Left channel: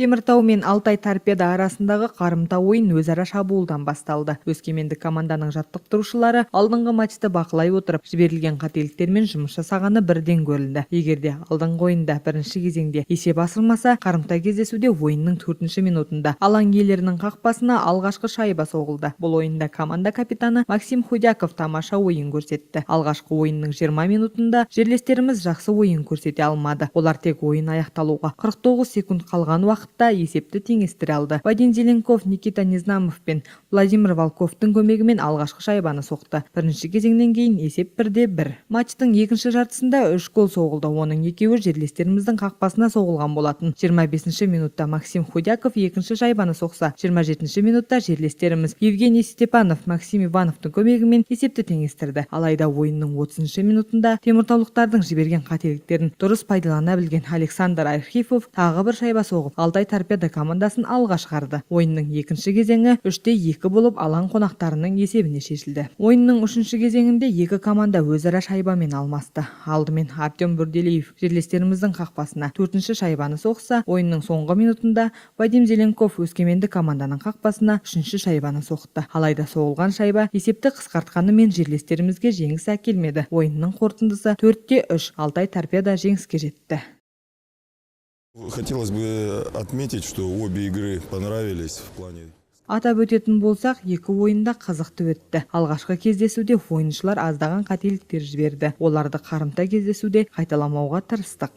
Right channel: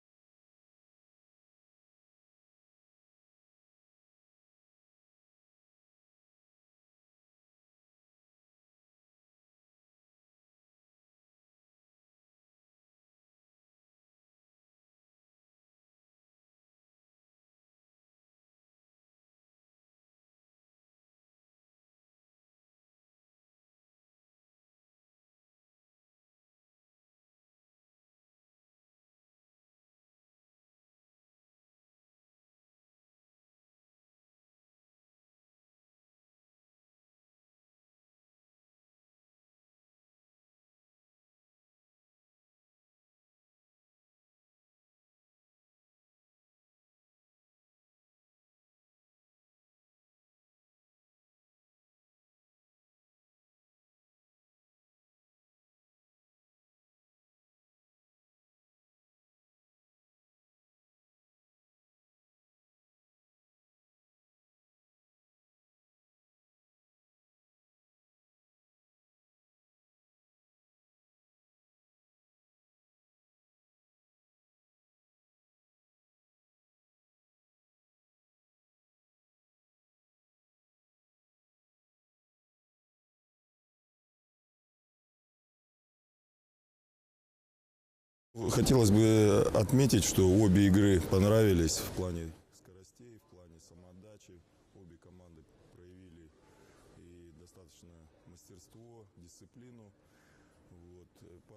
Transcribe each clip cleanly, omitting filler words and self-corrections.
Теміртау мен Алтай торпеда арасындағы қарымта ойын өзара шабуылдан басталды. Өскемендік команданың жаттықтырушылары алдыңғы матчты бақылай отырып, жіберілген қателіктермен жұмыс жасағаны бірден көрілді. Егерде алдыңғы ойында бірінші кезеңде есеп асырмаса, қарымта кездесуде ойынның 4-ші минутында алаң иелерінің қақпасына алғашқы шайба соғылды. Бұл ойында команда капитаны Максим Худяков тамаша ойын көрсетті. Алғашқы ойынның 20 минутында жерлестеріміз жақсы ойын көрсете алмады. Олар тек ойын аяқталуға 49 секунд қалған уақытта есепті теңестіре алды. Вадим Зеленков, Никита Незнамов пен Владимир Волковтың көмегімен алғашқы шайбаны соқты. Бірінші кезеңнен кейін есеп 1-1. Матчтың екінші жартысында 3 гол соғылды. Оның екеуі жерлестеріміздің қақпасына соғылған болатын. 25-ші минутта Максим Худяков екінші шайбаны соқса, 27-ші минутта жерлестеріміз Евгений Степанов, Максим Ивановтың көмегімен есепті теңестірді. Алайда ойынның 30-ші минутында теміртаулықтардың жіберген қателіктерін дұрыс пайдалана білген Александр Архипов тағы бір шайба соғып, Алтай торпеда командасын алға шығарды. Ойынның екінші кезеңі 3-2 болып алаң қонақтарының есебіне шешілді. Ойынның үшінші кезеңінде екі команда өзара шайбамен алмасты. Алдымен Артем Бүрделиев жерлестеріміздің қақпасына 4-ші шайбаны соқса, ойынның соңғы минутында Вадим Зеленков өскемендік команданың қақпасына 3-ші шайбаны соқты. Алайда соғылған шайба есепті қысқартқанымен жерлестерімізге жеңіс әкелмеді. Ойынның қорытындысы 4-3. Алтай торпеда жеңіске жетті. Хотелось бы отметить, что обе игры понравились в плане. Атап өтетін болсақ, екі ойында қызықты өтті. Алғашқы кездесуде ойыншылар аздаған қателіктер жіберді. Оларды қарымта кездесуде қайталамауға тырыстық.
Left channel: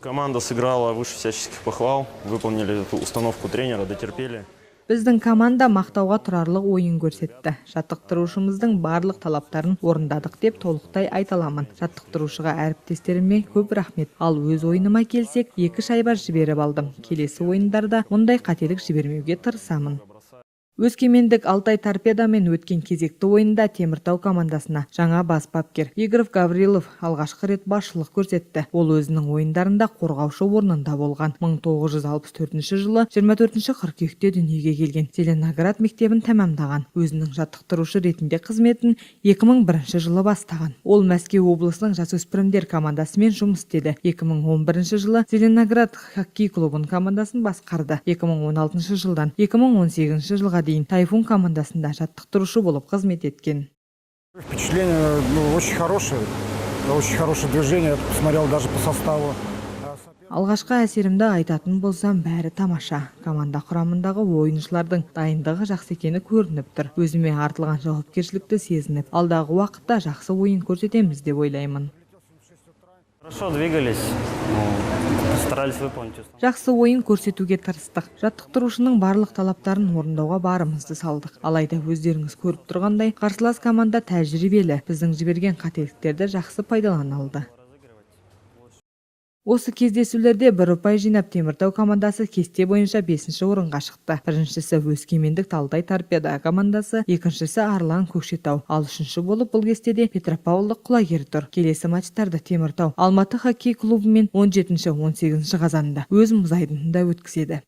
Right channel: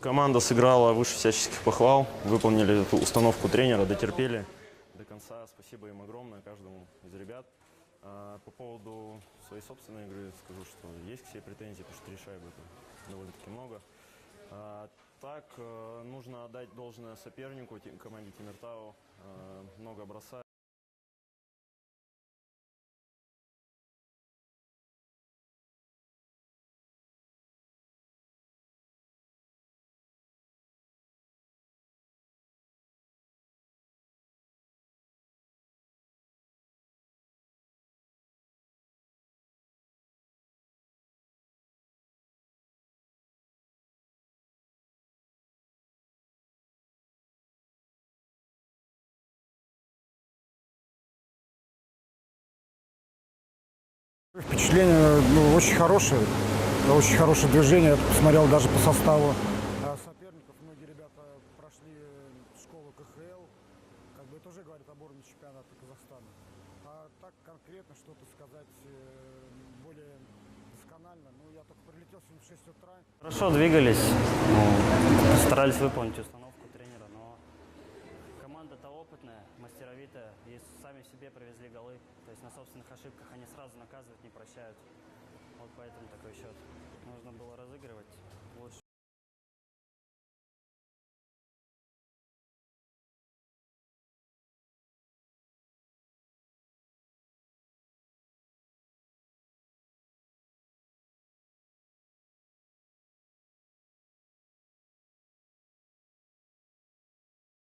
Команда сыграла выше всяческих похвал, выполнили эту установку тренера, дотерпели. Біздің команда мақтауға тұрарлық ойын көрсетті. Жаттықтырушымыздың барлық талаптарын орындадық деп толықтай айталамын. Жаттықтырушыға әріптестеріме көп рахмет. Ал өз ойыныма келсек, 2 шайба жіберіп алдым. Келесі ойындарда мұндай қателік жібермеуге тырысамын. Өскемендік Алтай торпедамен өткен кезекті ойында Теміртау командасына жаңа бас бапкер Игорь Гаврилов алғашқы рет басшылық көрсетті. Ол өзінің ойындарында қорғаушы орнында болған. 1964 жылы 24 қыркүйекте дүниеге келген. Зеленоград мектебін тәмамдаған. Өзінің жаттықтырушы ретінде қызметін 2001 жылы бастаған. Ол Мәскеу облысының жасөспірімдер командасымен жұмыс істеді. 2011 жылы Зеленоград хоккей клубын командасын басқарды. 2016 жылдан 2018 жылға дейін Тайфун командасында жаттықтырушы болып қызмет еткен. Впечатление очень хорошее движение, я посмотрел даже по составу. Алғашқы әсерімді айтатын болсам, бәрі тамаша. Команда құрамындағы ойыншылардың дайындығы жақсы екені көрініп тұр. Өзіме артылған жауапкершілікті сезініп, алдағы уақытта жақсы ойын көрсетеміз деп ойлаймын. Хорошо двигались, старались выполнить. Жақсы ойын көрсетуге тырыстық. Жаттықтырушының барлық талаптарын орындауға барымызды салдық. Алайда өздеріңіз көріп тұрғандай, қарсылас команда тәжірибелі. Біздің жіберген қателіктерді жақсы пайдалана алды. Осы кездесулерде бір ұпай жинап Теміртау командасы кесте бойынша 5-ші орынға шықты. Біріншісі Өскемендік Алтай торпеда командасы, екіншісі Арлан Көкшетау. Ал үшінші болып бұл кестеде Петропавлдық Құлагер тұр. Келесі матчтарды Теміртау Алматы хоккей клубымен 17-18 қазанда өз мұз айдынында өткізеді.